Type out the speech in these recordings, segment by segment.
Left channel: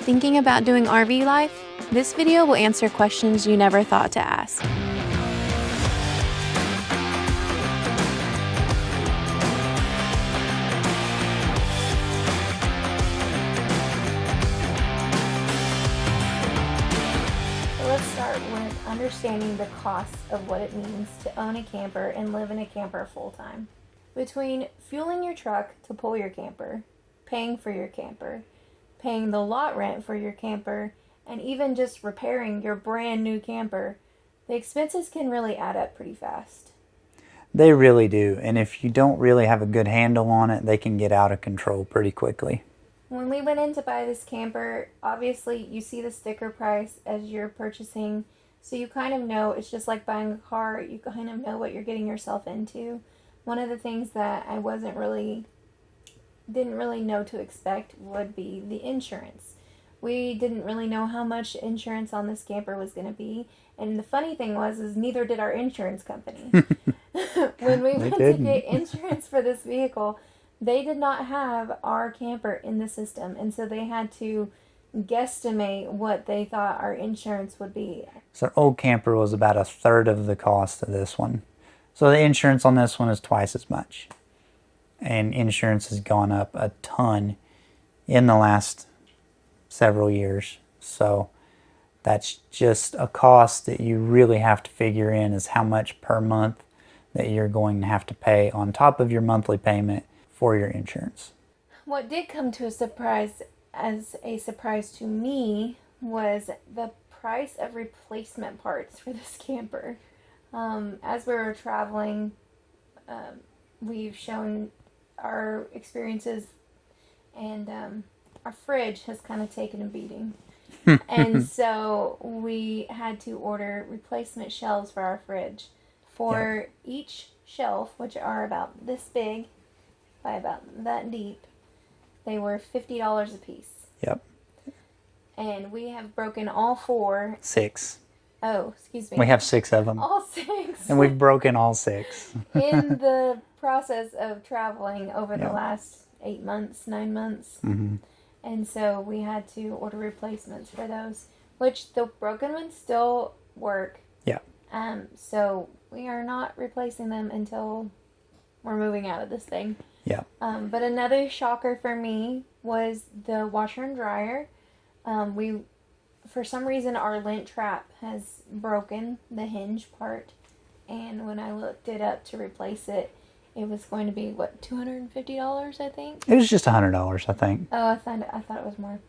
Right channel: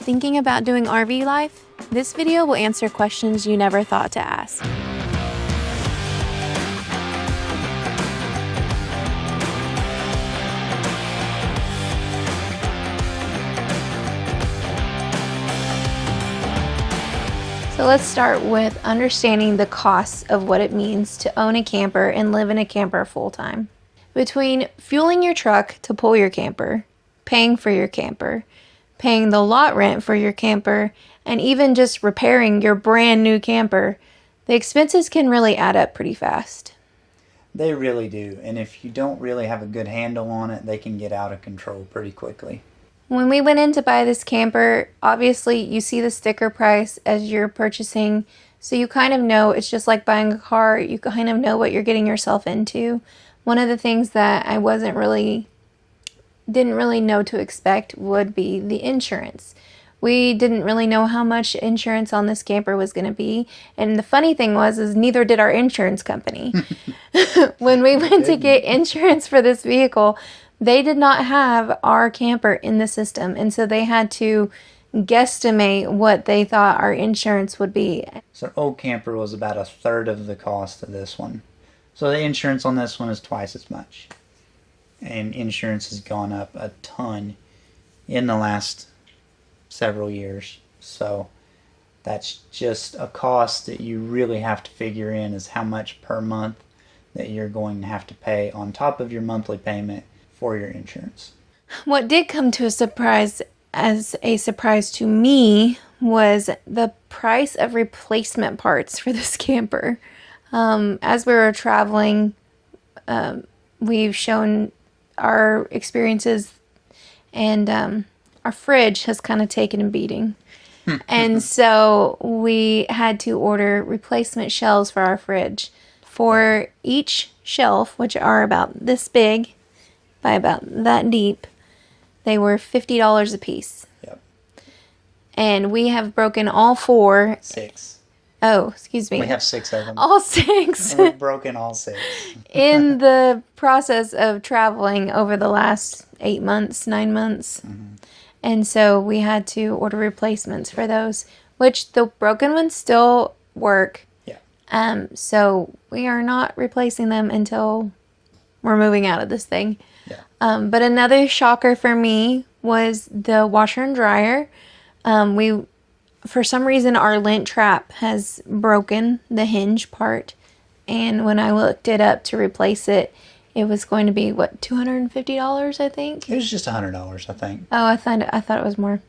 Thinking about doing RV life? This video will answer questions you never thought to ask. So let's start with understanding the costs of what it means to own a camper and live in a camper full-time. Between fueling your truck to pull your camper, paying for your camper, paying the lot rent for your camper, and even just repairing your brand new camper, the expenses can really add up pretty fast. They really do, and if you don't really have a good handle on it, they can get out of control pretty quickly. When we went in to buy this camper, obviously you see the sticker price as you're purchasing, so you kind of know it's just like buying a car. You kind of know what you're getting yourself into. One of the things that I didn't really know to expect would be the insurance. We didn't really know how much insurance on this camper was going to be, and the funny thing is neither did our insurance company. When we went to get insurance for this vehicle, they did not have our camper in the system, and so they had to guesstimate what they thought our insurance would be. So our old camper was about a third of the cost of this one. So the insurance on this one is twice as much. And insurance has gone up a ton in the last several years. So that's just a cost that you really have to figure in, is how much per month that you're going to have to pay on top of your monthly payment for your insurance. What did come to as a surprise to me was the price of replacement parts for this camper. As we were traveling, we've shown our experiences, and our fridge has kind of taken a beating. And so we had to order replacement shelves for our fridge. For each shelf, which are about this big by about that deep, they were $50 a piece. Yep. And we have broken all four. 6. Oh, excuse me. We have 6 of them. All 6. And we've broken all 6. In the process of traveling over the last 8 months, 9 months. Mm-hmm. And so we had to order replacements for those, which the broken ones still work. Yeah. So we are not replacing them until we're moving out of this thing. Yeah. But another shocker for me was the washer and dryer. For some reason, our lint trap has broken, the hinge part. And when I looked it up to replace it, it was going to be, what, $250, I think? It was just $100, I think. Oh, I thought it was more.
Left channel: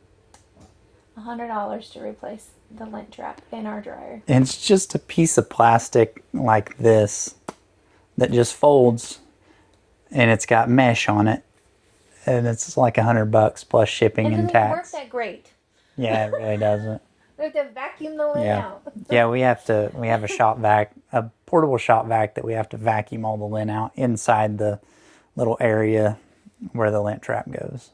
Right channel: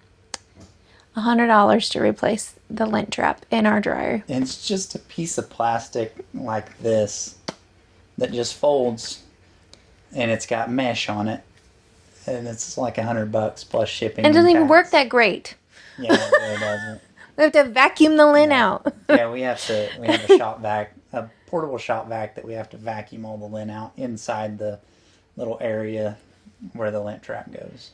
$100 to replace the lint trap in our dryer. And it's just a piece of plastic like this that just folds, and it's got mesh on it, and it's like $100 plus shipping. And it doesn't even tax. work that great. Yeah, it really doesn't. We have to vacuum the lint out. Yeah, we have a shop vac, a portable shop vac that we have to vacuum all the lint out inside the little area where the lint trap goes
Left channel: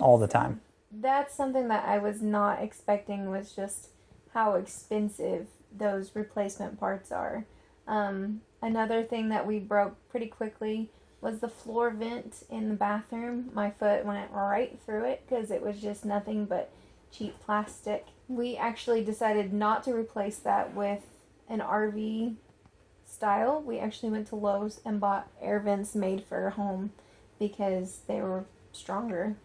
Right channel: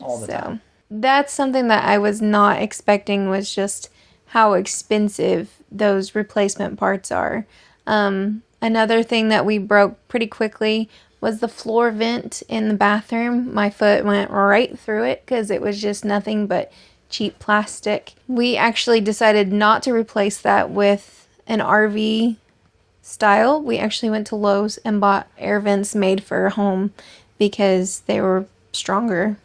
all the time. That's something that I was not expecting, was just how expensive those replacement parts are. Another thing that we broke pretty quickly was the floor vent in the bathroom. My foot went right through it because it was just nothing but cheap plastic. We actually decided not to replace that with an RV style. We actually went to Lowe's and bought air vents made for a home because they were stronger.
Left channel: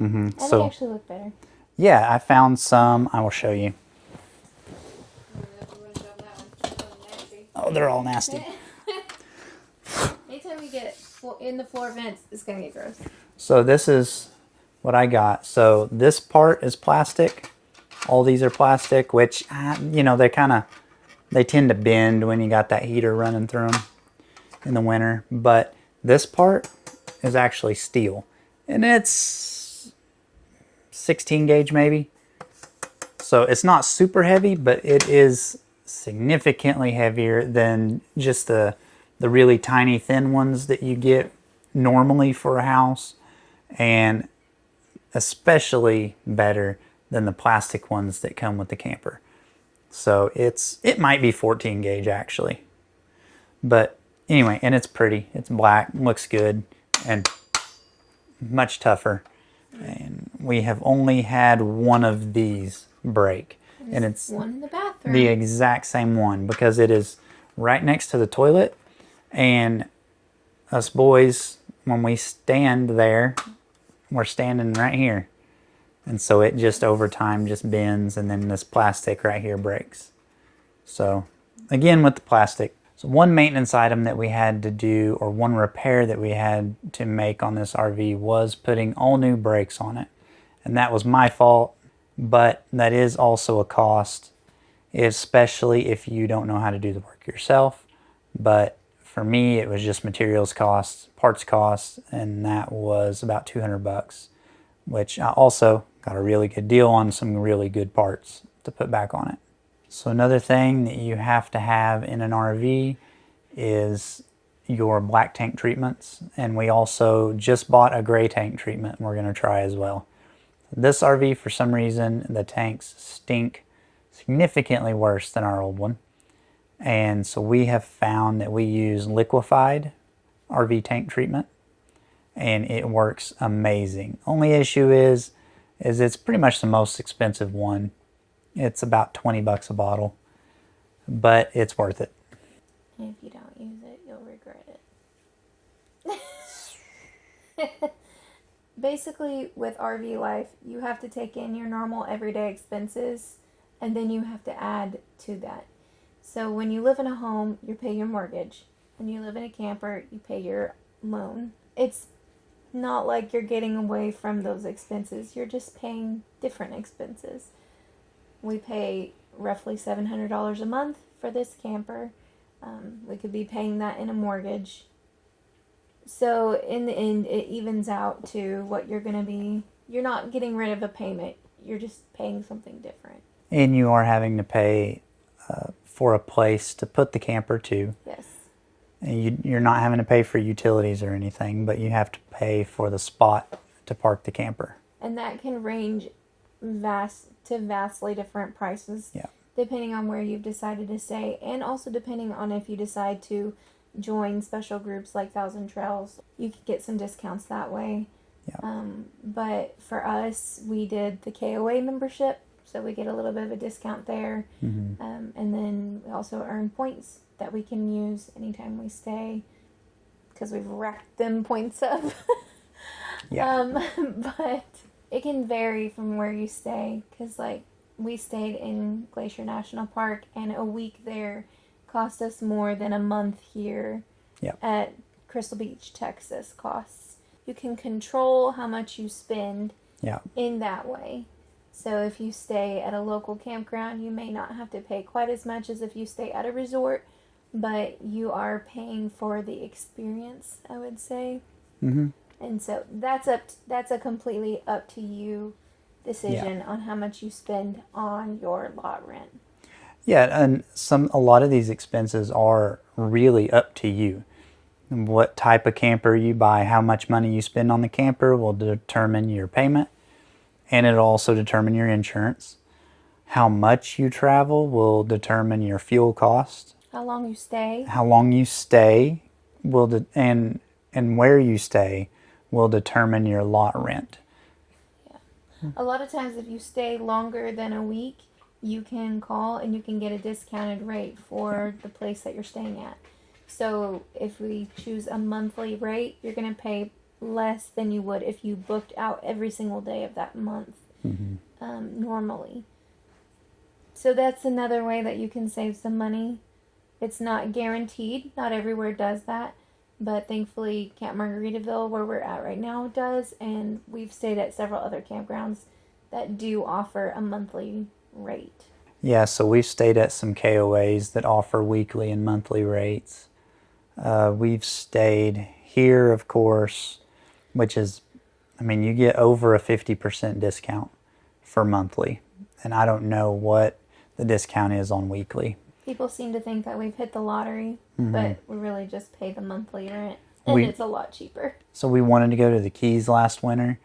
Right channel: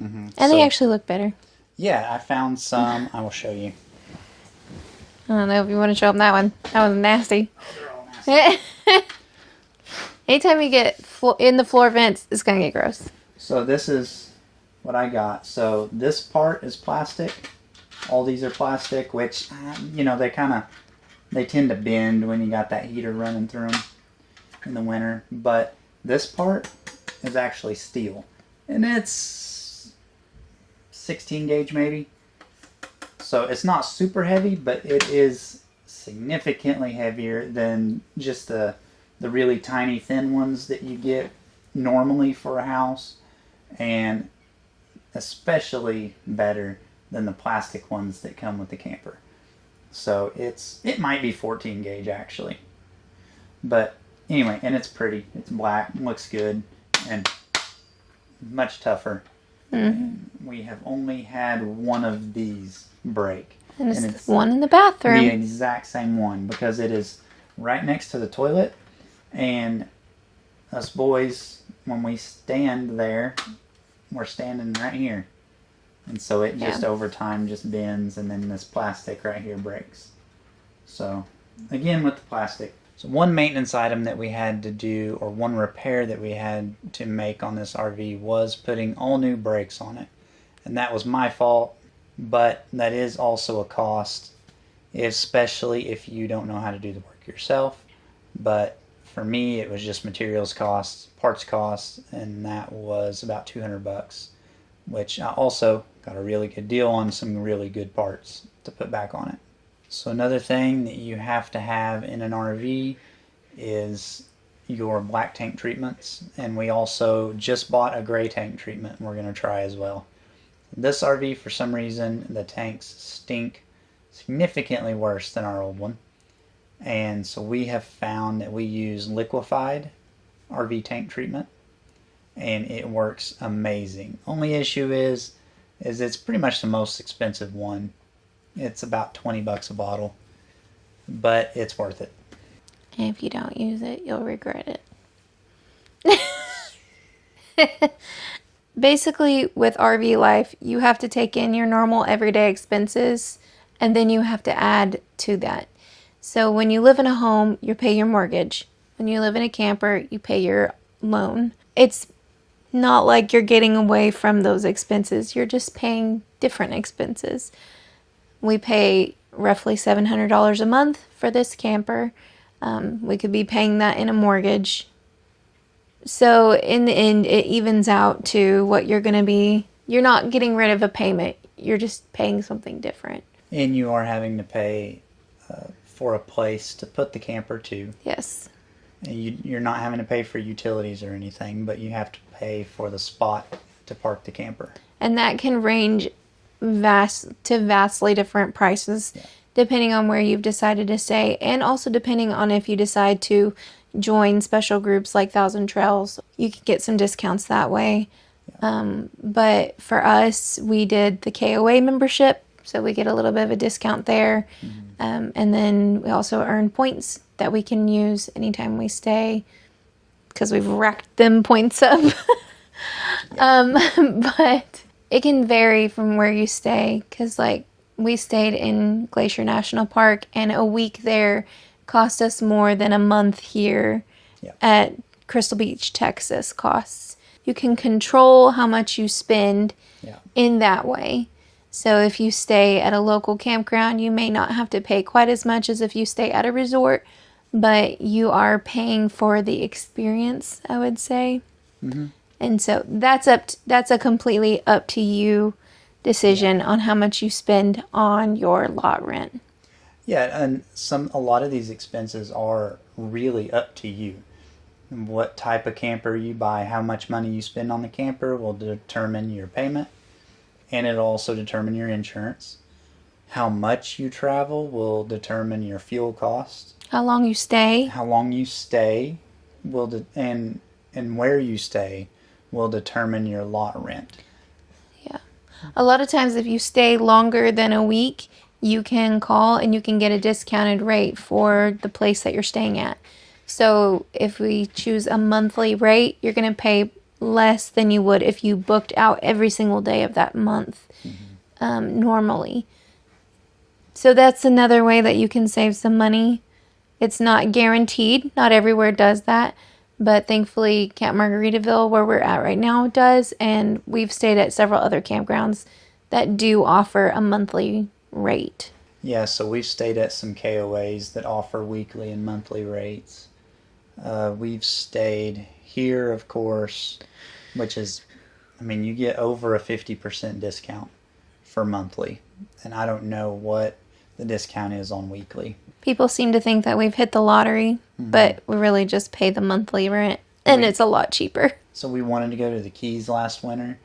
Mm-hmm. And they actually look better. Yeah, I found some. I will show you. I don't know if you want to show them that one. That one's nasty. Oh, they're all nasty. Anytime you get in the floor vents, it's going to get gross. So this is what I got. So this part is plastic. All these are plastic, which, they tend to bend when you got that heater running through them in the winter. But this part is actually steel. And it's 16 gauge maybe. So it's not super heavy, but it is significantly heavier than just the really tiny thin ones that you get normally for a house, and especially better than the plastic ones that come with the camper. So it might be 14 gauge actually. But anyway, and it's pretty. It's black, looks good, and much tougher And we have only had one of these break. And it's the one in the bathroom. the exact same one because it is right next to the toilet. And us boys, when we stand there, we're standing right here. And so it just over time just bends, and then this plastic right here breaks. So again, with the plastic, so one maintenance item that we had to do, or one repair that we had to make on this RV, was putting all new brakes on it. And that was my fault, but that is also a cost, especially if you don't know how to do the work yourself. But for me, it was just materials costs, parts costs, and that was about $200, which I also got a really good deal on some really good parts to put back on it. So another thing that you have to have in an RV is your black tank treatments. And we also just bought a gray tank treatment and we're going to try as well. This RV, for some reason, the tanks stink significantly worse than our old one. And so we have found that we use liquefied RV tank treatment, and it works amazing. Only issue is it's pretty much the most expensive one. It's about $20 a bottle, but it's worth it. And if you don't use it, you'll regret it. Basically, with RV life, you have to take in your normal everyday expenses, and then you have to add to that. So when you live in a home, you pay your mortgage. When you live in a camper, you pay your loan. It's not like you're getting away from those expenses. You're just paying different expenses. We pay roughly $700 a month for this camper. We could be paying that in a mortgage. So in the end, it evens out to what you're going to be. You're not getting rid of a payment. You're just paying something different. And you are having to pay for a place to put the camper to. Yes. You're not having to pay for utilities or anything, but you have to pay for the spot to park the camper. And that can range vastly different prices, depending on where you've decided to stay, and also depending on if you decide to join special groups like Thousand Trails. You can get some discounts that way. But for us, we did the KOA membership, so we get a little bit of a discount there. And then we also earn points that we can use anytime we stay, because we've racked them points up. But it can vary from where you stay, because like we stayed in Glacier National Park, and a week there cost us more than a month here at Crystal Beach, Texas costs. You can control how much you spend in that way. So if you stay at a local campground, you may not have to pay quite as much as if you stay at a resort, but you are paying for the experience, I would say. And so that's a completely up to you decision on how much you spend on your lot rent. Yeah, and a lot of these expenses are really up to you. What type of camper you buy, how much money you spend on the camper will determine your payment, and it'll also determine your insurance. How much you travel will determine your fuel cost. How long you stay. How long you stay and where you stay will determine your lot rent. Yeah. A lot of times if you stay longer than a week, you can call and you can get a discounted rate for the place that you're staying at. So if we choose a monthly rate, you're going to pay less than you would if you booked out every single day of that month normally. So that's another way that you can save some money. It's not guaranteed. Not everywhere does that. But thankfully, Camp Margaritaville, where we're at right now, does. And we've stayed at several other campgrounds that do offer a monthly rate. Yeah, so we've stayed at some KOAs that offer weekly and monthly rates. We've stayed here, of course, which is, you get over a 50% discount for monthly. And I don't know what the discount is on weekly. People seem to think that we've hit the lottery, but we really just pay the monthly rent, and it's a lot cheaper. So we wanted to go to the Keys last winter,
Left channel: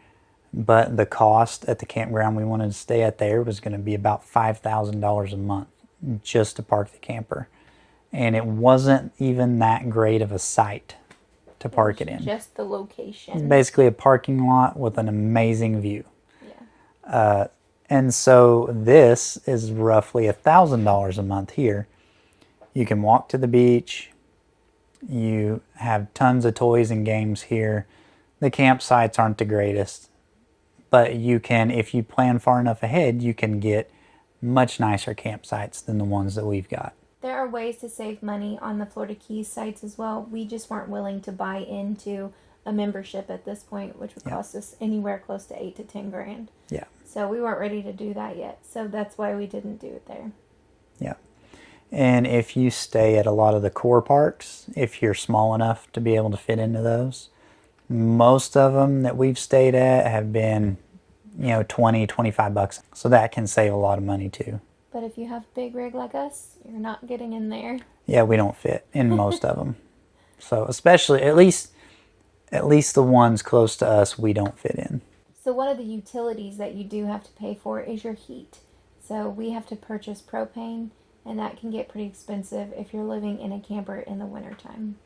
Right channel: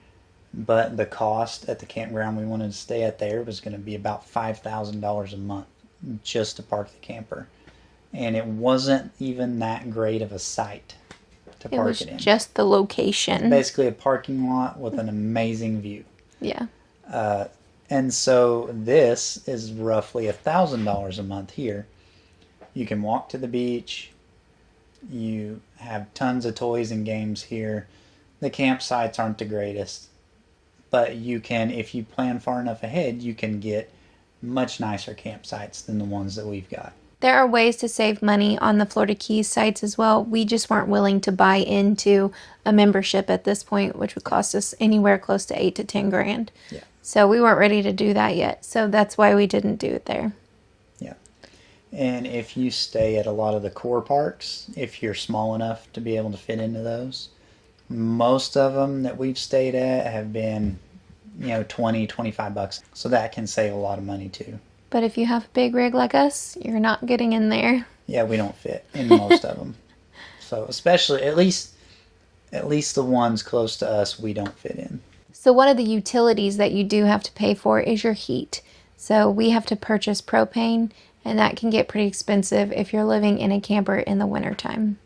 but the cost at the campground we wanted to stay at there was going to be about $5,000 a month just to park the camper. And it wasn't even that great of a site. to It park was it in. just the location. Basically a parking lot with an amazing view. Yeah. And so this is roughly $1,000 a month here. You can walk to the beach. You have tons of toys and games here. The campsites aren't the greatest, but you can, if you plan far enough ahead, you can get much nicer campsites than the ones that we've got. There are ways to save money on the Florida Keys sites as well. We just weren't willing to buy into a membership at this point, which would cost us anywhere close to 8 to 10 grand. Yeah. So we weren't ready to do that yet. So that's why we didn't do it there. Yeah. And if you stay at a lot of the core parks, if you're small enough to be able to fit into those, most of them that we've stayed at have been, $20-25. So that can save a lot of money too. But if you have a big rig like us, you're not getting in there. Yeah, we don't fit in most of them. So especially, at least the ones close to us, we don't fit in. So one of the utilities that you do have to pay for is your heat. So we have to purchase propane, and that can get pretty expensive if you're living in a camper in the wintertime.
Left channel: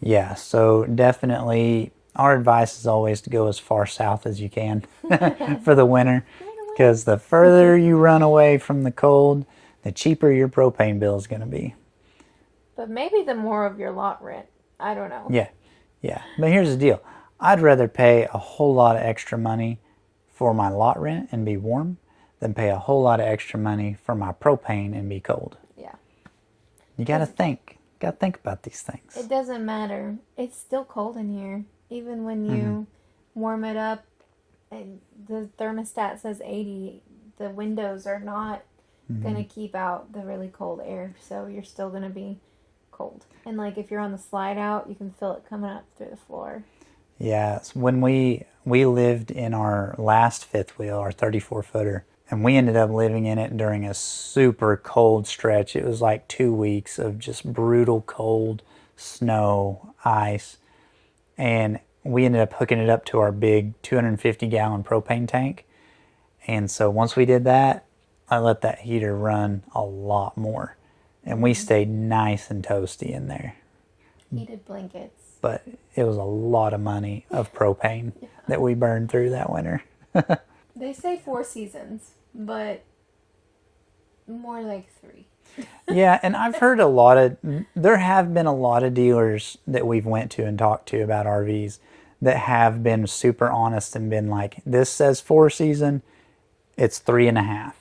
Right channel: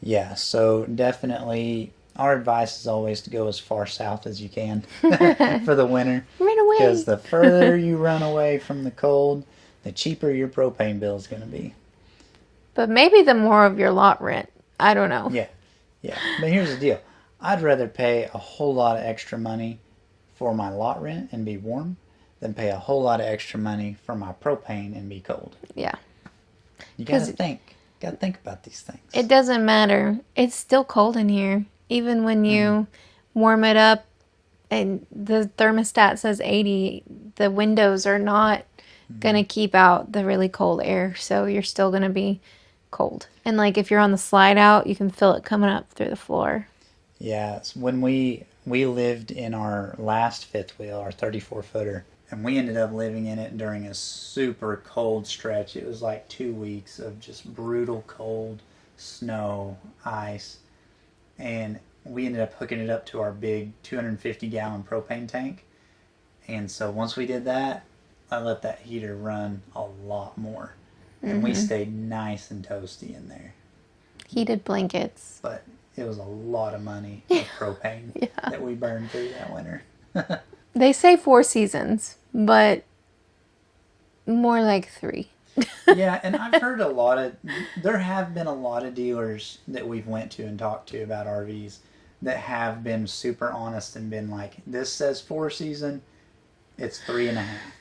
Yeah, so definitely our advice is always to go as far south as you can for the winter. Right away. Because the further you run away from the cold, the cheaper your propane bill is going to be. But maybe the more of your lot rent. I don't know. Yeah. But here's the deal. I'd rather pay a whole lot of extra money for my lot rent and be warm than pay a whole lot of extra money for my propane and be cold. Yeah. You got to think. Got to think about these things. It doesn't matter. It's still cold in here. Even when you warm it up and the thermostat says 80, the windows are not going to keep out the really cold air. So you're still going to be cold. And like if you're on the slide out, you can feel it coming up through the floor. Yeah. So when we lived in our last fifth wheel, our 34-footer, and we ended up living in it during a super cold stretch. It was like 2 weeks of just brutal cold, snow, ice. And we ended up hooking it up to our big 250-gallon propane tank. And so once we did that, I let that heater run a lot more. And we stayed nice and toasty in there. Heated blankets. But it was a lot of money of propane that we burned through that winter. They say 4 seasons, but more like 3. Yeah, and I've heard there have been a lot of dealers that we've went to and talked to about RVs that have been super honest and been like, this says 4 season, it's 3.5.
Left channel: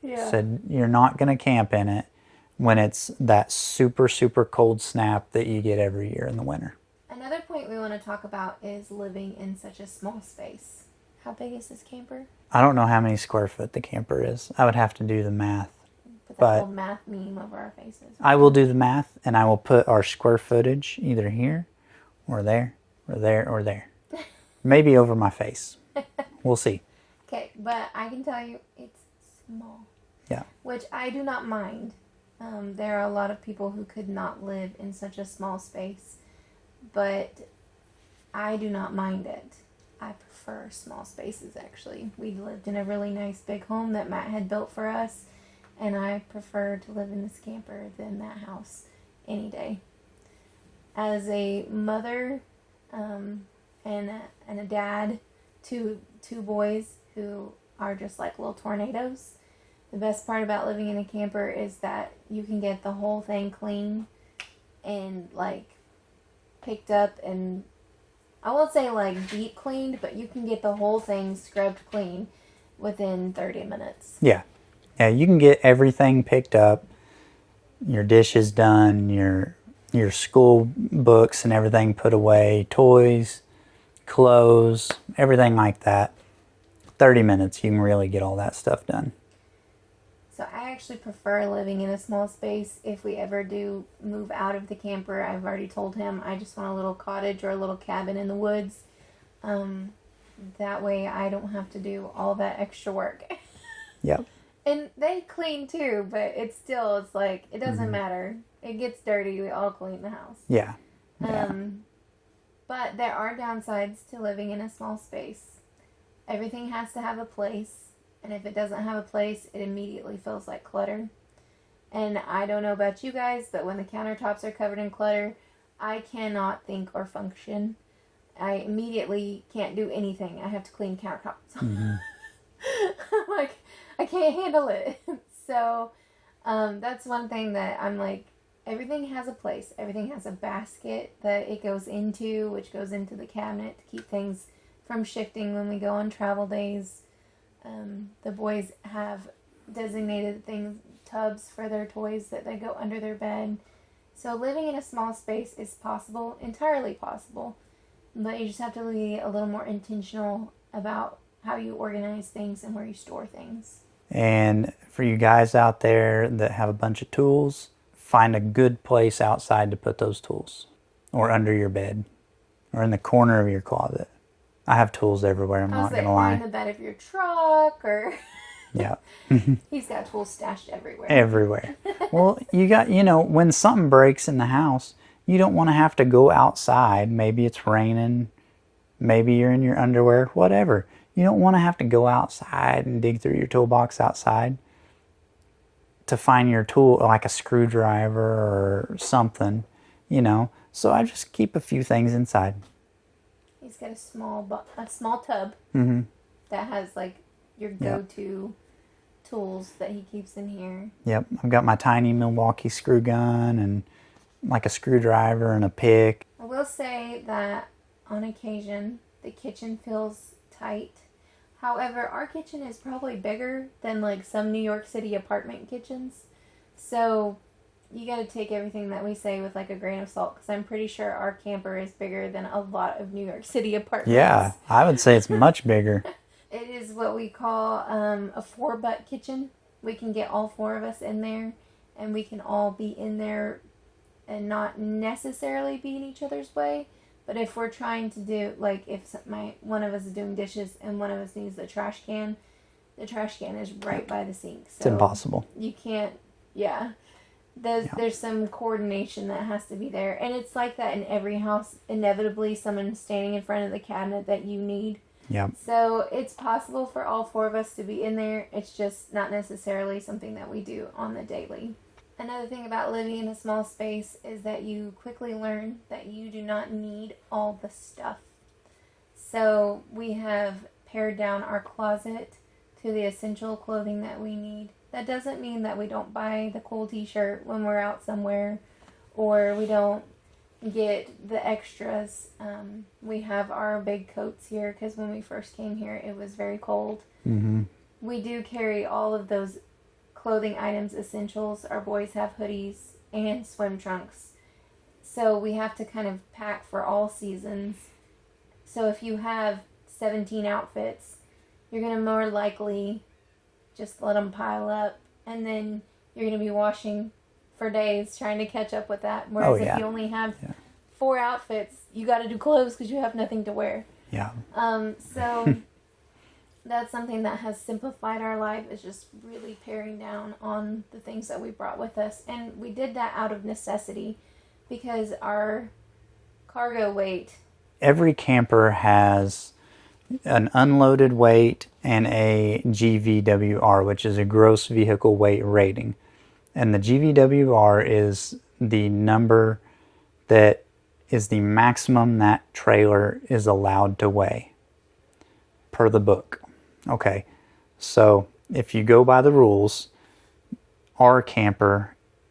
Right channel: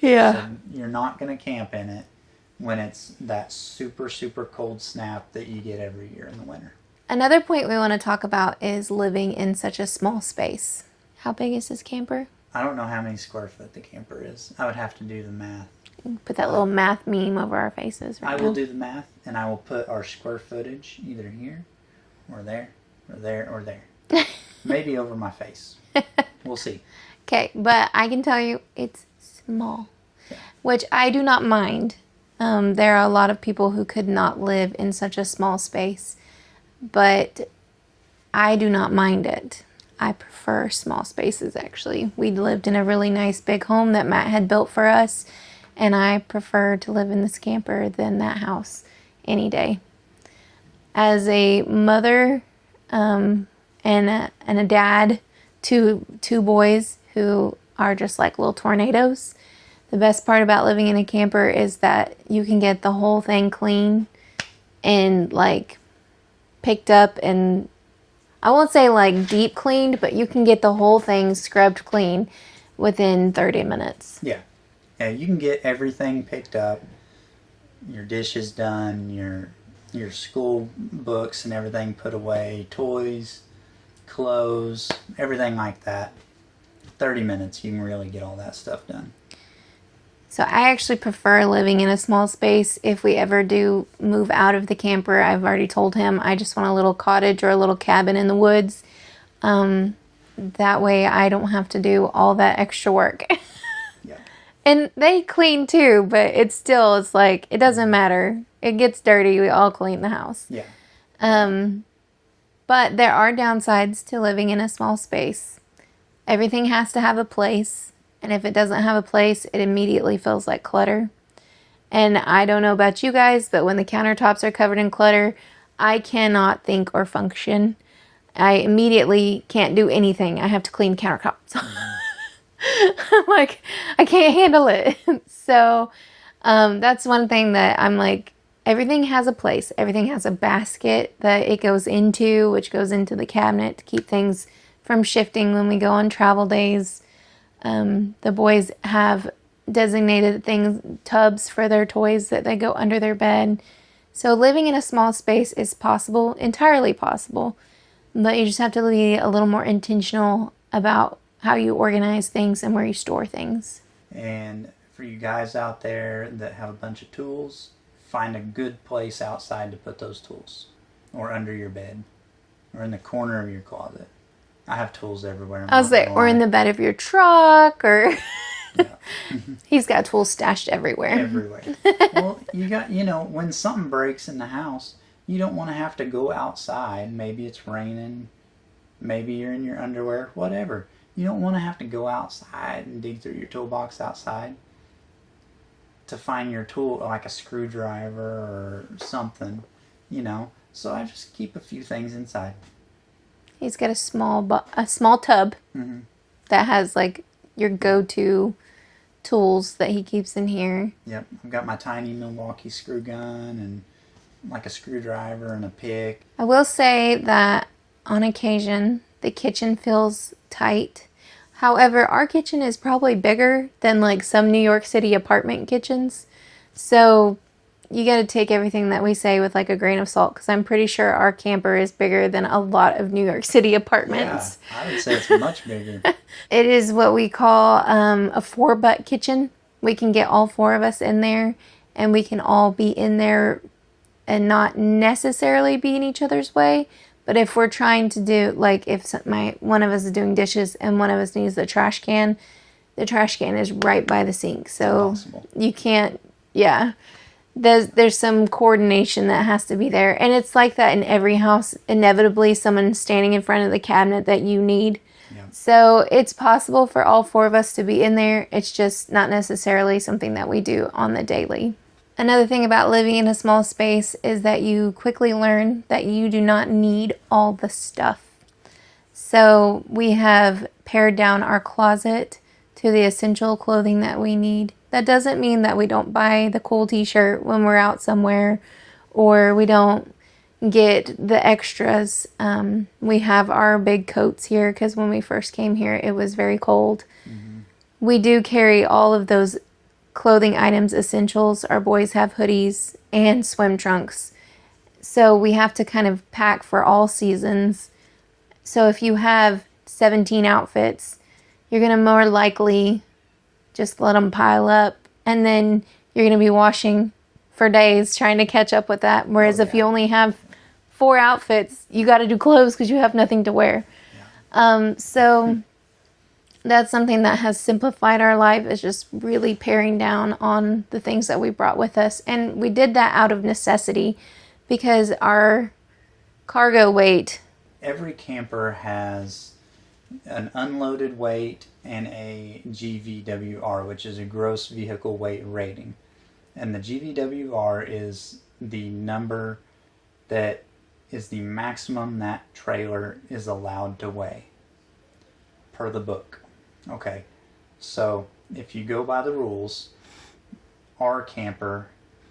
Yeah. So you're not going to camp in it when it's that super, super cold snap that you get every year in the winter. Another point we want to talk about is living in such a small space. How big is this camper? I don't know how many square foot the camper is. I would have to do the math. Put that little math meme over our faces. I will do the math, and I will put our square footage either here or there or there or there. Maybe over my face. We'll see. Okay, but I can tell you it's small. Yeah. Which I do not mind. There are a lot of people who could not live in such a small space, but I do not mind it. I prefer small spaces, actually. We lived in a really nice big home that Matt had built for us, and I prefer to live in this camper than that house any day. As a mother and a dad, two boys who are just like little tornadoes, the best part about living in a camper is that you can get the whole thing clean and like picked up, and I won't say like deep cleaned, but you can get the whole thing scrubbed clean within 30 minutes. Yeah. Yeah, you can get everything picked up, your dishes done, your school books and everything put away, toys, clothes, everything like that. 30 minutes, you can really get all that stuff done. So I actually prefer living in a small space. If we ever do move out of the camper, I've already told him I just want a little cottage or a little cabin in the woods. That way I don't have to do all that extra work. Yep. And they clean too, but it's like, it doesn't matter. It gets dirty. We all clean the house. Yeah. But there are downsides to living in a small space. Everything has to have a place. And if it doesn't have a place, it immediately feels like clutter. And I don't know about you guys, but when the countertops are covered in clutter, I cannot think or function. I immediately can't do anything. I have to clean countertops. I'm like, I can't handle it. So that's one thing that I'm like, everything has a place. Everything has a basket that it goes into, which goes into the cabinet to keep things from shifting when we go on travel days. The boys have designated tubs for their toys that they go under their bed. So living in a small space is possible, entirely possible, but you just have to be a little more intentional about how you organize things and where you store things. And for you guys out there that have a bunch of tools, find a good place outside to put those tools, or under your bed, or in the corner of your closet. I have tools everywhere. I was like, or in the bed of your truck, or yeah. He's got tools stashed everywhere. Everywhere. Well, when something breaks in the house, you don't want to have to go outside. Maybe it's raining. Maybe you're in your underwear, whatever. You don't want to have to go outside and dig through your toolbox outside to find your tool, like a screwdriver or something, So I just keep a few things inside. He's got a small tub that has like your go-to tools that he keeps in here. Yep, I've got my tiny Milwaukee screw gun and like a screwdriver and a pick. I will say that on occasion the kitchen feels tight. However, our kitchen is probably bigger than like some New York City apartment kitchens. So you got to take everything that we say with like a grain of salt, because I'm pretty sure our camper is bigger than a lot of New York City apartments. Yeah, I would say it's much bigger. It is what we call a 4-butt kitchen. We can get all 4 of us in there, and we can all be in there and not necessarily be in each other's way. But if we're trying to do, like if one of us is doing dishes and one of us needs the trash can is right by the sink. So it's impossible. You can't, yeah. There's some coordination that has to be there. And it's like that in every house. Inevitably, someone's standing in front of the cabinet that you need. Yeah. So it's possible for all 4 of us to be in there. It's just not necessarily something that we do on the daily. Another thing about living in a small space is that you quickly learn that you do not need all the stuff. So we have pared down our closet to the essential clothing that we need. That doesn't mean that we don't buy the cool t-shirt when we're out somewhere, or we don't get the extras. We have our big coats here because when we first came here, it was very cold. Mm-hmm. We do carry all of those clothing items, essentials. Our boys have hoodies and swim trunks. So we have to kind of pack for all seasons. So if you have 17 outfits, you're going to more likely just let them pile up, and then you're going to be washing for days trying to catch up with that. Whereas if you only have 4 outfits, you got to do clothes because you have nothing to wear. Yeah. So that's something that has simplified our life, is just really paring down on the things that we brought with us. And we did that out of necessity because our cargo weight. Every camper has an unloaded weight and a GVWR, which is a gross vehicle weight rating. And the GVWR is the number that is the maximum that trailer is allowed to weigh per the book. Okay, so if you go by the rules, our camper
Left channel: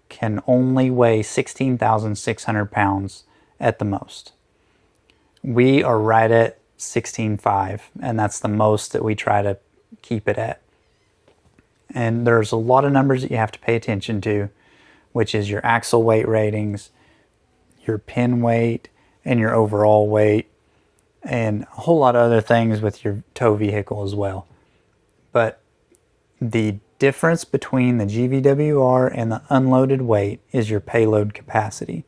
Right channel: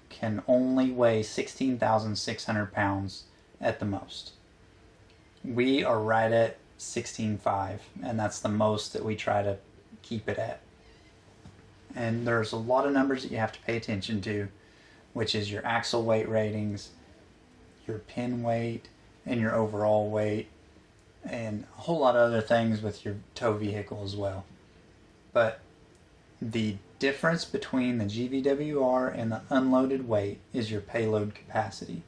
can only weigh 16,600 pounds at the most. We are right at 16.5, and that's the most that we try to keep it at. And there's a lot of numbers that you have to pay attention to, which is your axle weight ratings, your pin weight, and your overall weight, and a whole lot of other things with your tow vehicle as well. But the difference between the GVWR and the unloaded weight is your payload capacity.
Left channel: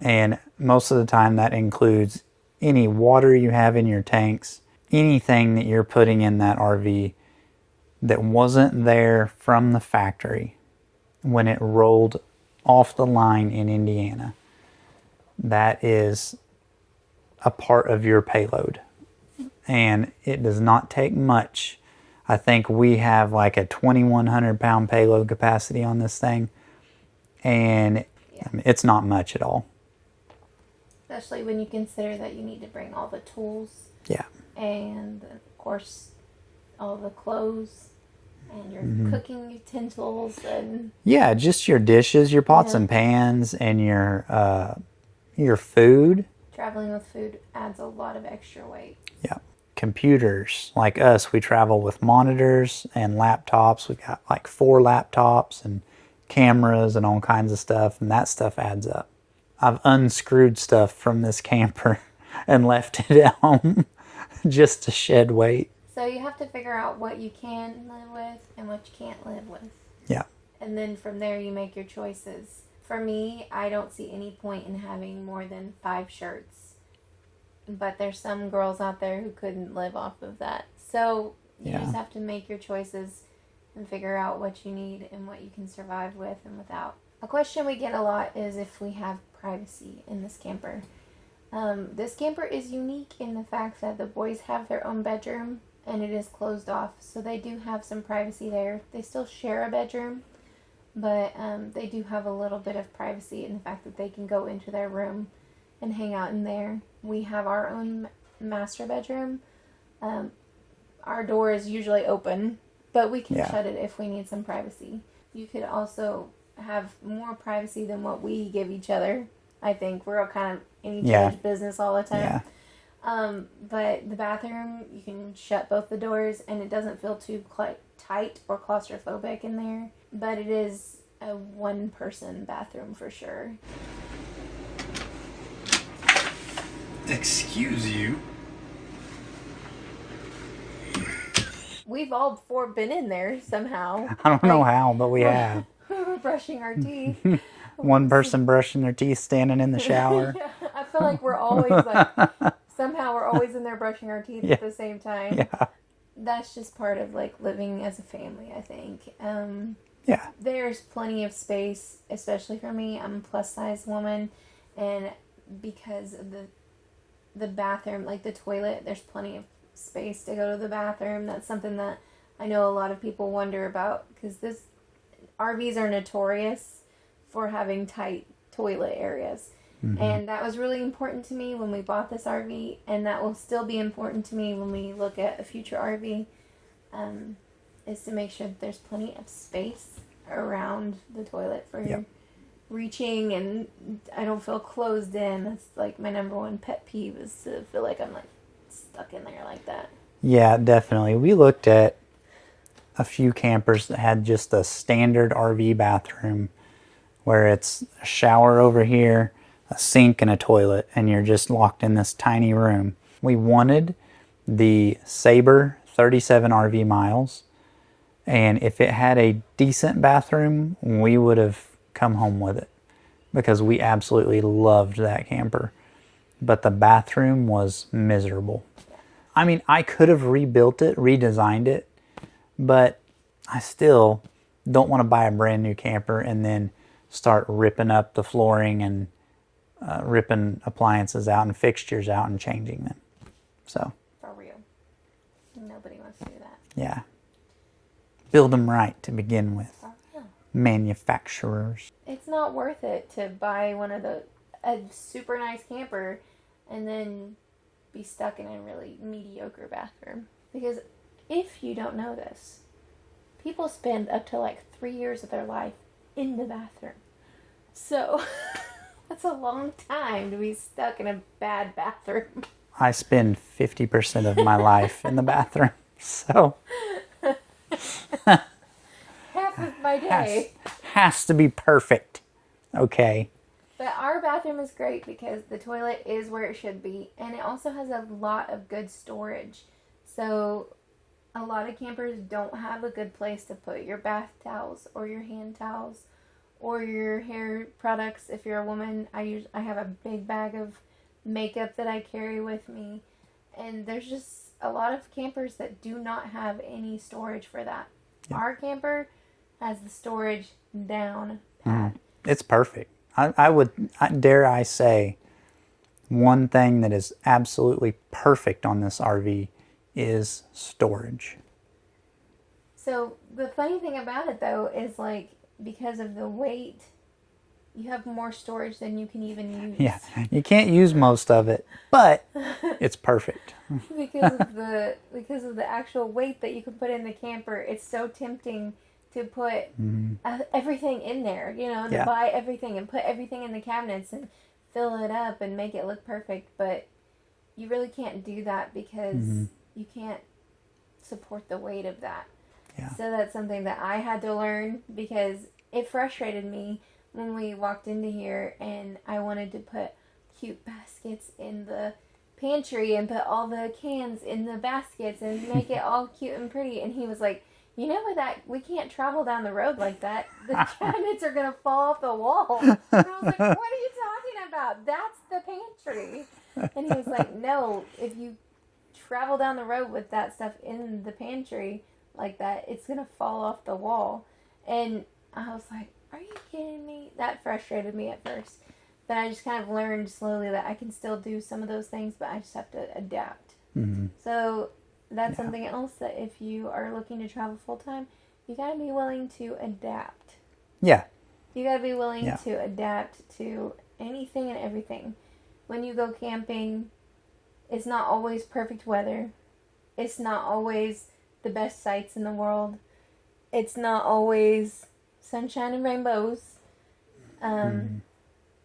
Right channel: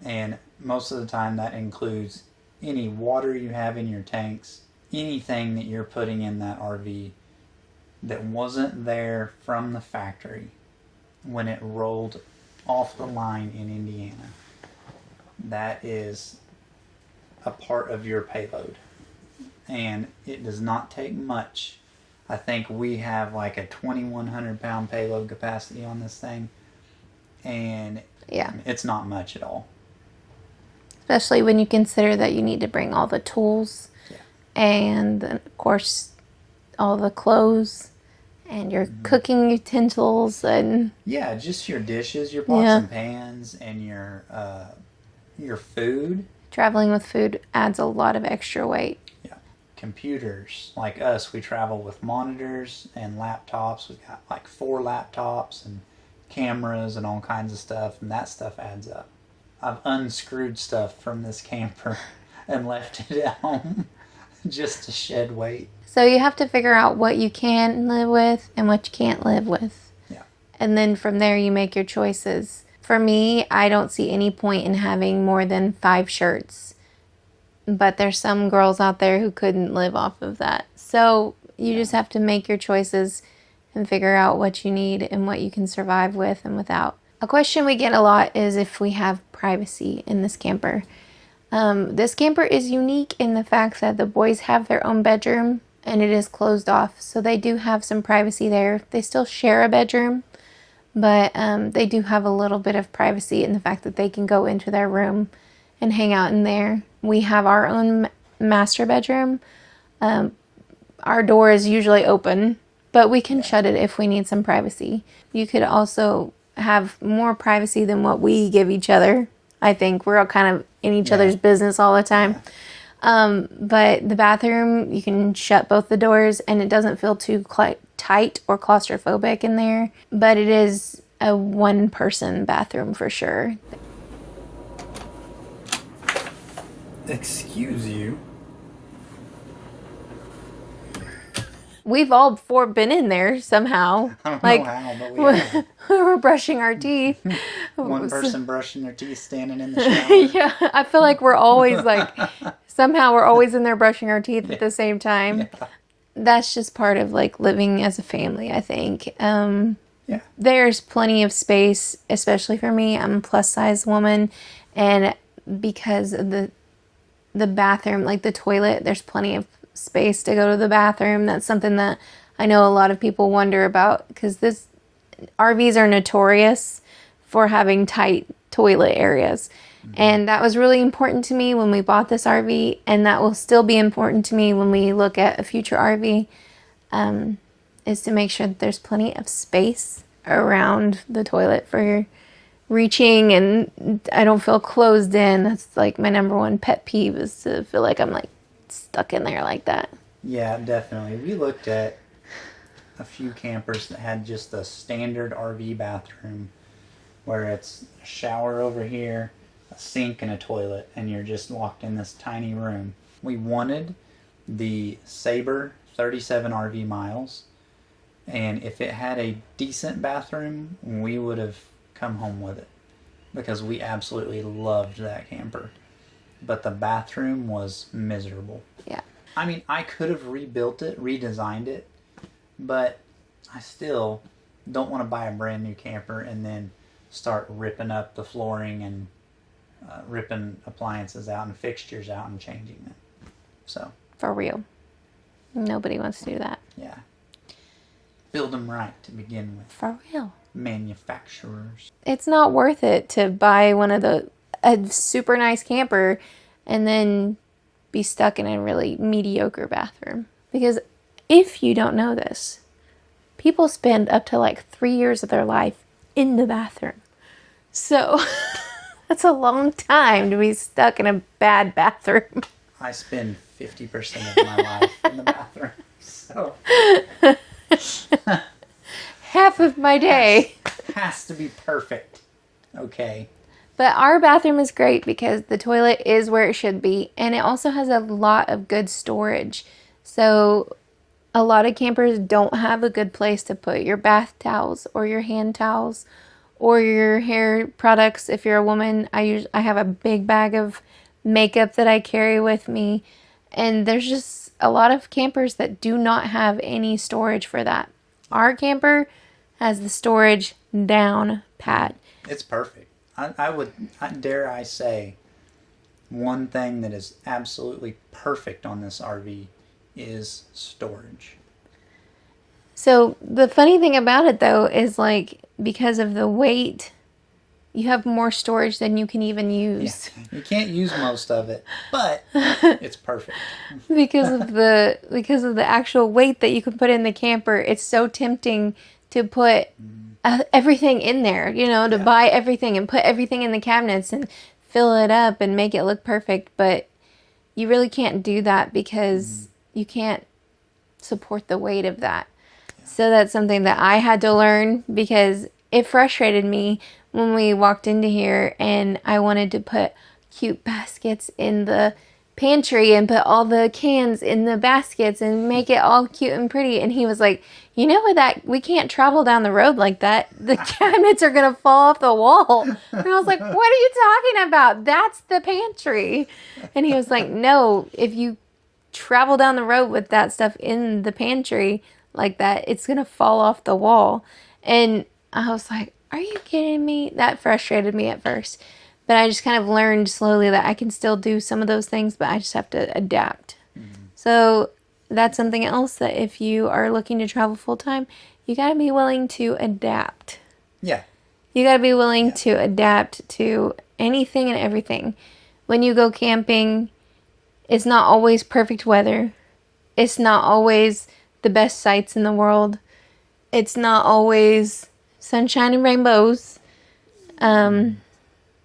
And most of the time that includes any water you have in your tanks, anything that you're putting in that RV that wasn't there from the factory when it rolled off the line in Indiana. That is a part of your payload. And it does not take much. I think we have like a 2,100 pound payload capacity on this thing. And it's not much at all. Especially when you consider that you need to bring all the tools Yeah. and, of course, all the clothes and your cooking utensils and Yeah, just your dishes, your pots Yeah. and pans, and your food. traveling with food adds a lot of extra weight. Yeah. Computers. Like us, we travel with monitors and laptops. We've got like 4 laptops and cameras and all kinds of stuff, and that stuff adds up. I've unscrewed stuff from this camper and left it at home just to shed weight. So you have to figure out what you can live with and what you can't live with. Yeah. And then from there you make your choices. For me, I don't see any point in having more than 5 shirts. But there's some girls out there who couldn't live off of that. So you just have to make your choices and figure out what you need and what you can survive with and without. A question we get a lot is if we have privacy in this camper. This camper is unique in the fact that the boys have their own bedroom and it is closed off. So they do have some privacy there. They still share a bedroom, but they do have a little bit of privacy in the fact that they can go into their room and hang out in there. We have our own master bedroom. Our door is usually open, but we can shut it if we need some privacy. You could also have more privacy than what we give each other. I think we're all kind of in each other's business all the time. But the bathroom, you can shut both the doors and it doesn't feel too tight or claustrophobic in there. But it is a 1-person bathroom for sure. Excuse you? We've all 4 been in there somehow. I don't know how, but we have. We're brushing our teeth. One person brushing their teeth standing in the shower. Yeah, I feel like we're always like, somehow we're always in there brushing our teeth at the same time. Yeah. That's just part of like living as a family, I think. Yeah. There's plenty of space, especially for me. I'm a plus size woman, and because of the bathroom, like the toilet, there's plenty of space to go to the bathroom. That's something that I know a lot of people wonder about, because this RVs are notorious for having tight toilet areas. And that was really important to me when we bought this RV, and that will still be important to me when we look at a future RV, is to make sure that there's plenty of space around the toilet for reaching, and I don't feel closed in. That's like my number one pet peeve, is to feel like I'm like stuck in there like that. Yeah, definitely. We looked at a few campers that had just a standard RV bathroom where it's a shower over here, a sink, and a toilet, and you're just locked in this tiny room. We wanted the Sabre 37 RV miles, and if it had a decent bathroom, we would have come home with it because we absolutely loved that camper. But the bathroom was miserable. Yeah. I mean, I could have rebuilt it, redesigned it, but I still don't want to buy a brand new camper and then start ripping up the flooring and ripping appliances out and fixtures out and changing them. So, For real. Nobody wants to do that. yeah. Build them right to begin with. For real. Manufacturers. It's not worth it to buy a super nice camper and then be stuck in a really mediocre bathroom. Because if you don't know this, people spend up to like 3 years of their life in the bathroom. So that's a long time to be stuck in a bad bathroom. I spend 50% of my life in the bathroom. So Half of my day. has to be perfect. Okay. But our bathroom is great because the toilet is where it should be, and it also has a lot of good storage. So a lot of campers don't have a good place to put your bath towels or your hand towels or your hair products. If you're a woman, I have a big bag of makeup that I carry with me, and there's just a lot of campers that do not have any storage for that. Our camper has the storage down pat. It's perfect. Dare I say, one thing that is absolutely perfect on this RV is storage. So the funny thing about it though is like, because of the weight you have more storage than you can even use. Yeah, you can't use most of it, but it's perfect. because of the actual weight that you can put in the camper. It's so tempting to put everything in there, to Yeah. buy everything and put everything in the cabinets and fill it up and make it look perfect. But you really can't do that because you can't support the weight of that. Yeah. So that's something that I had to learn because it frustrated me when we walked into here and I wanted to put cute baskets in the pantry and put all the cans in the baskets and make it all cute and pretty. And he was like, you know what, that we can't travel down the road like that. The cabinets are going to fall off the wall. And I was like, what are you talking about? That's the pantry. And he was like, no, if you travel down the road with that stuff in the pantry like that, it's going to fall off the wall. And I was like, are you kidding me? That frustrated me at first. But I just kind of learned slowly that I can still do some of those things, but I just have to adapt. So that's something else that if you are looking to travel full time, you got to be willing to adapt. Yeah. You got to be willing to adapt to anything and everything. When you go camping, it's not always perfect weather. It's not always the best sights in the world. It's not always sunshine and rainbows.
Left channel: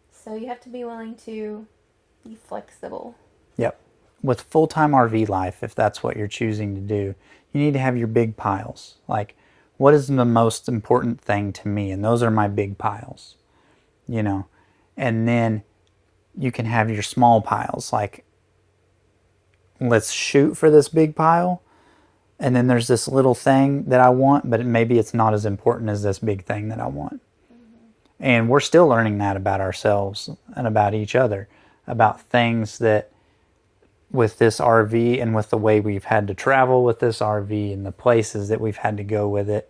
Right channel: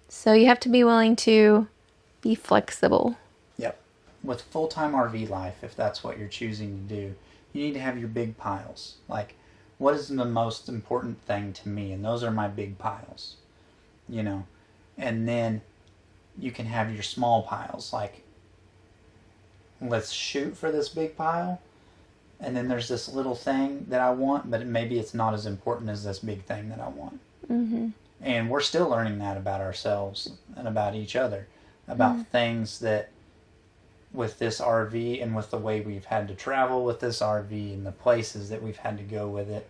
So you have to be willing to be flexible. Yep. With full-time RV life, if that's what you're choosing to do, you need to have your big piles. Like, what is the most important thing to me? And those are my big piles, And then you can have your small piles. Like, let's shoot for this big pile. And then there's this little thing that I want, but maybe it's not as important as this big thing that I want. And we're still learning that about ourselves and about each other, about things that with this RV and with the way we've had to travel with this RV and the places that we've had to go with it,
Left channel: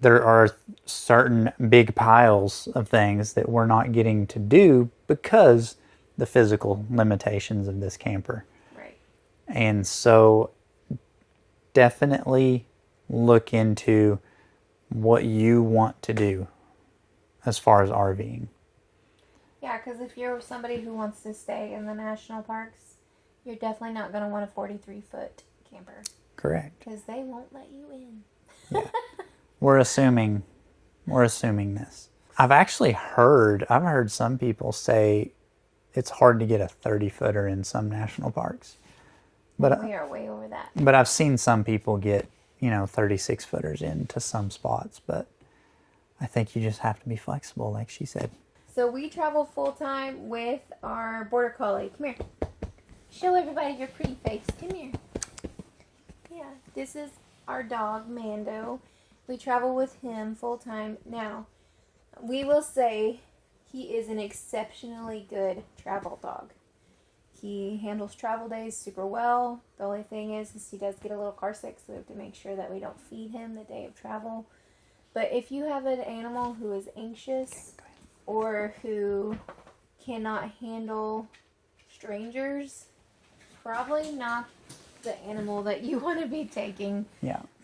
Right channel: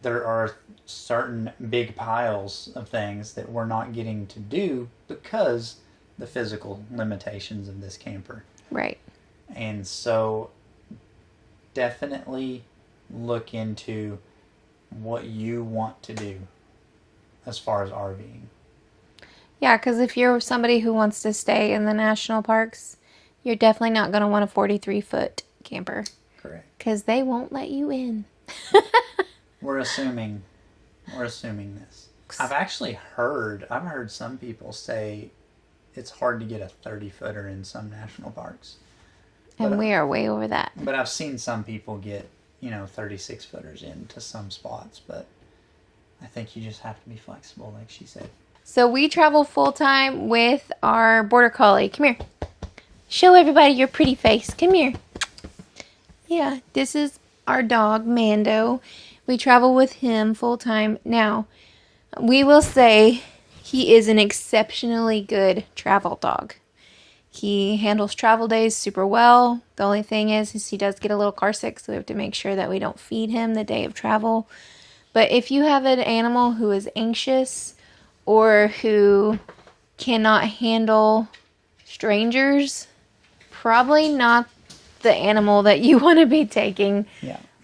there are certain big piles of things that we're not getting to do because the physical limitations of this camper. Right. And so definitely look into what you want to do as far as RVing. Yeah, because if you're somebody who wants to stay in the national parks, you're definitely not going to want a 43-foot camper. Correct. Because they won't let you in. We're assuming this. I've heard some people say it's hard to get a 30-footer in some national parks. And we are way over that. But I've seen some people get, 36-footers into some spots. But I think you just have to be flexible, like she said. So we travel full-time with our Border Collie. Come here. Show everybody your pretty face. Come here. Yeah, this is our dog, Mando. We travel with him full-time. Now, we will say he is an exceptionally good travel dog. He handles travel days super well. The only thing is he does get a little car sick, so we have to make sure that we don't feed him the day of travel. But if you have an animal who is anxious or who cannot handle strangers, probably not the animal that you want to be taking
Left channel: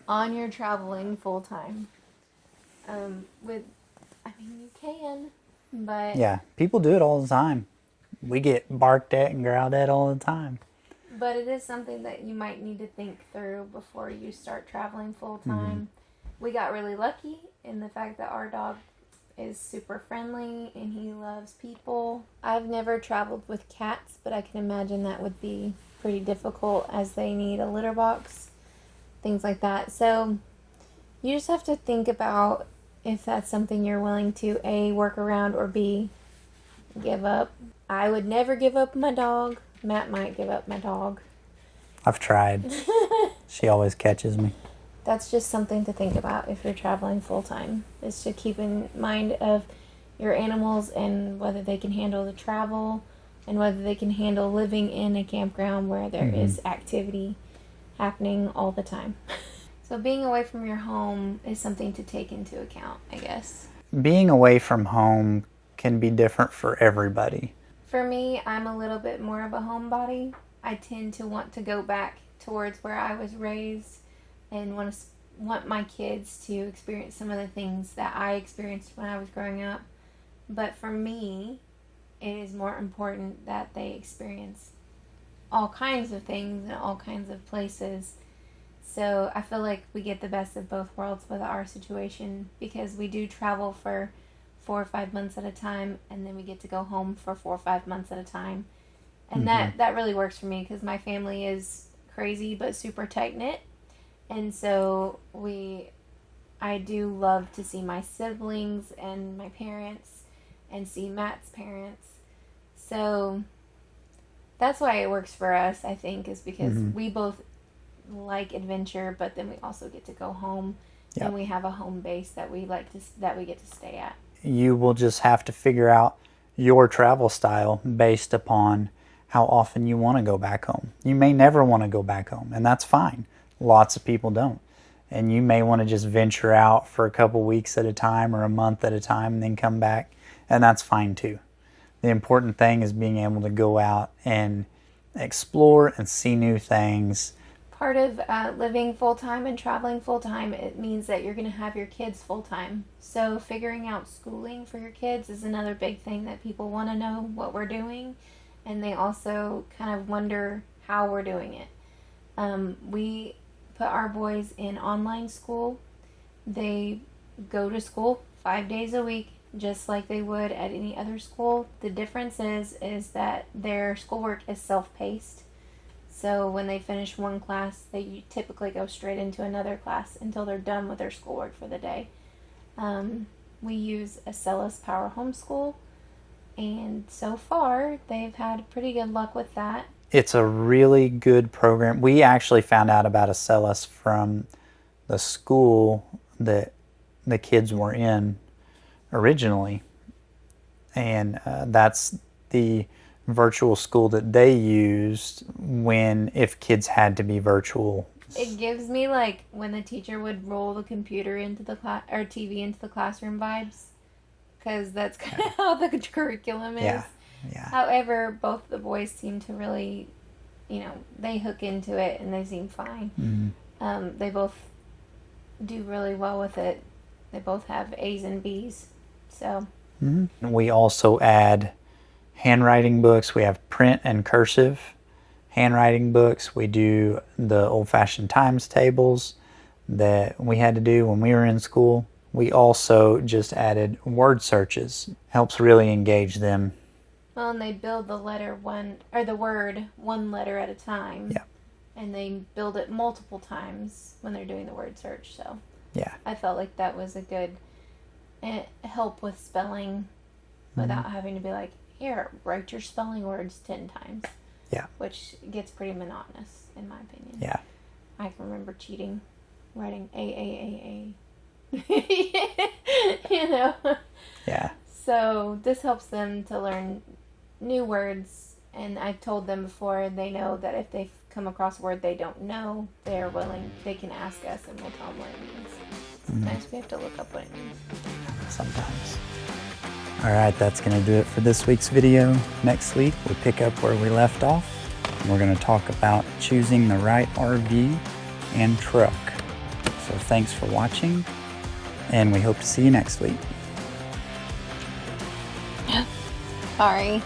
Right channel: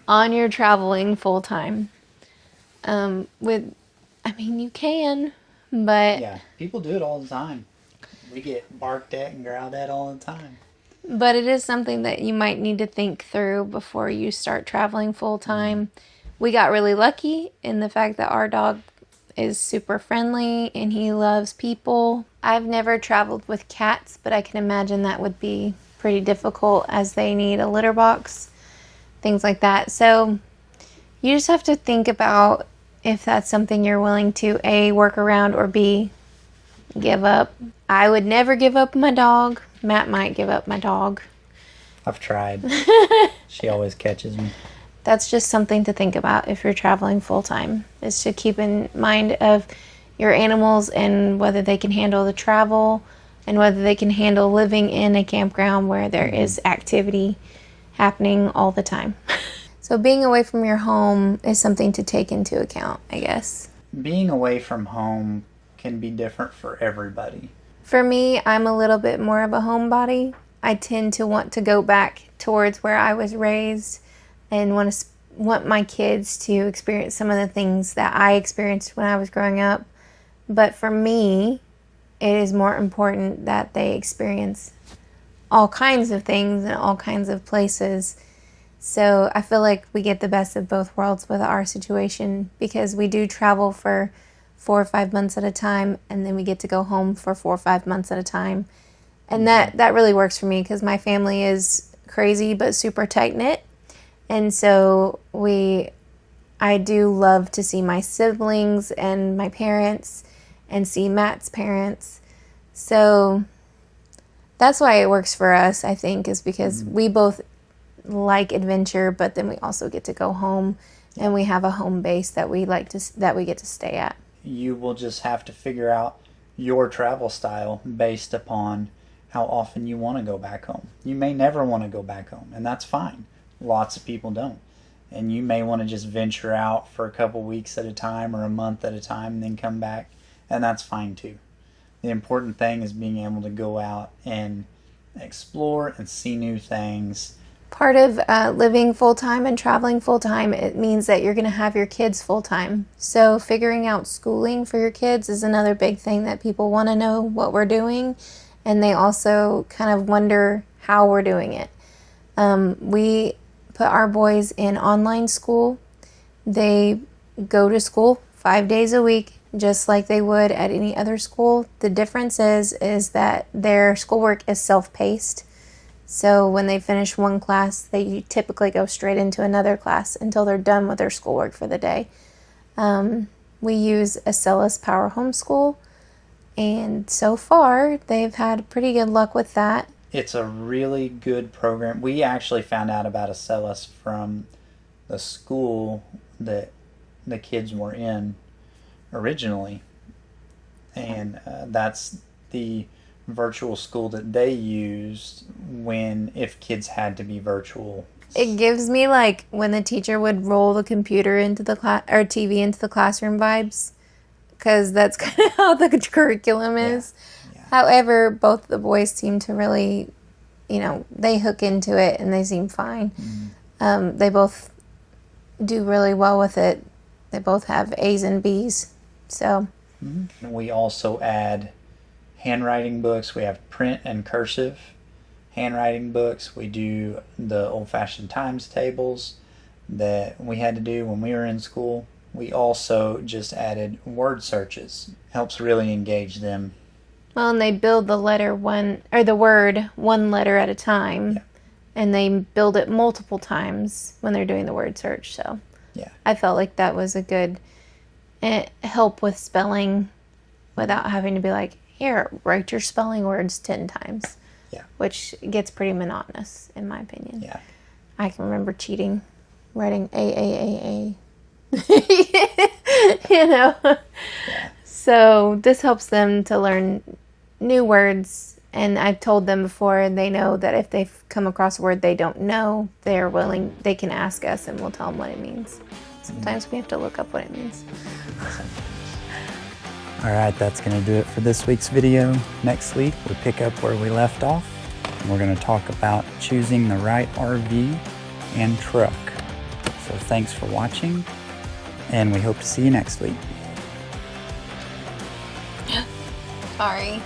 on your traveling full time. You can, but... Yeah, people do it all the time. We get barked at and growled at all the time. But it is something that you might need to think through before you start traveling full time. We got really lucky in the fact that our dog is super friendly and he loves people. I've never traveled with cats, but I can imagine that would be pretty difficult as they need a litter box, things like that. So you just have to think about if that's something you're willing to A, work around, or B, give up. I would never give up my dog. Matt might give up my dog. I've tried. She always catches me. That's just something to think about if you're traveling full time, is to keep in mind of your animals and whether they can handle the travel and whether they can handle living in a campground where there is activity happening all the time. So being away from your home is something to take into account, I guess. Being away from home can be different for everybody. For me, I'm a little bit more of a homebody. I tend to want to go back towards where I was raised and want my kids to experience some of the things that I experienced when I was growing up. But for me, it is more important that they experience all kinds of things and all kinds of places. So I feel like we get the best of both worlds with our situation, because we do travel for 4 or 5 months at a time, and then we get to go home for 4 or 5 months at a time. And that really works for me, because my family is crazy but super tight knit. And so I do love to see my siblings and my parents and see Matt's parents. So that's why it works for us, I think, is because we both like adventure, but then we also get to go home, and we have a home base that we get to stay at. You will just have to figure out your travel style based upon how often you want to go back home. You may never want to go back home, and that's fine. Lots of people don't. And you may want to just venture out for a couple weeks at a time or a month at a time and then come back, and that's fine too. The important thing is being able to go out and explore and see new things. Part of living full-time and traveling full-time, it means that you're going to have your kids full-time. So figuring out schooling for your kids is another big thing that people want to know what we're doing, and they also kind of wonder how we're doing it. We put our boys in online school. They go to school 5 days a week, just like they would at any other school. The difference is that their schoolwork is self-paced. So when they finish one class, they typically go straight into another class until they're done with their schoolwork for the day. We use Acela's Power Homeschool, and so far they've had pretty good luck with that. It's a really good program. We actually found out about Acela's from the school that the kids were in originally, and that's the virtual school that they used if kids had to be virtual. It gives me like when the teacher would roll the computer into the class or TV into the classroom vibes, because that's kind of how the curriculum is. Yeah. However, both the boys seem to really, they hook into it and they seem fine. They both do really well with it. They both have A's and B's. So we also add handwriting books. We have print and cursive handwriting books. We do the old-fashioned times tables that we had to do when we were in school. We also just added word searches. Helps really engage them. Well, and they build the word one letter at a time. Yeah. And they build it multiple times when they're doing the word search. So yeah, I felt like that was a good help with spelling without having to be like, here, write your spelling words 10 times. Yeah. Which gets pretty monotonous, in my opinion. Yeah. I can remember cheating, writing A. Yeah. So this helps them to learn new words, and I've told them before, and they know that if they've come across a word they don't know, they can ask us and we'll tell them what it means. Sometimes we have to look up what it means. Sometimes. All right, that's going to do it for this week's video. Next week, we'll pick up where we left off. And we're going to talk about choosing the right RV and truck. So thanks for watching, and we hope to see you next week. Sorry.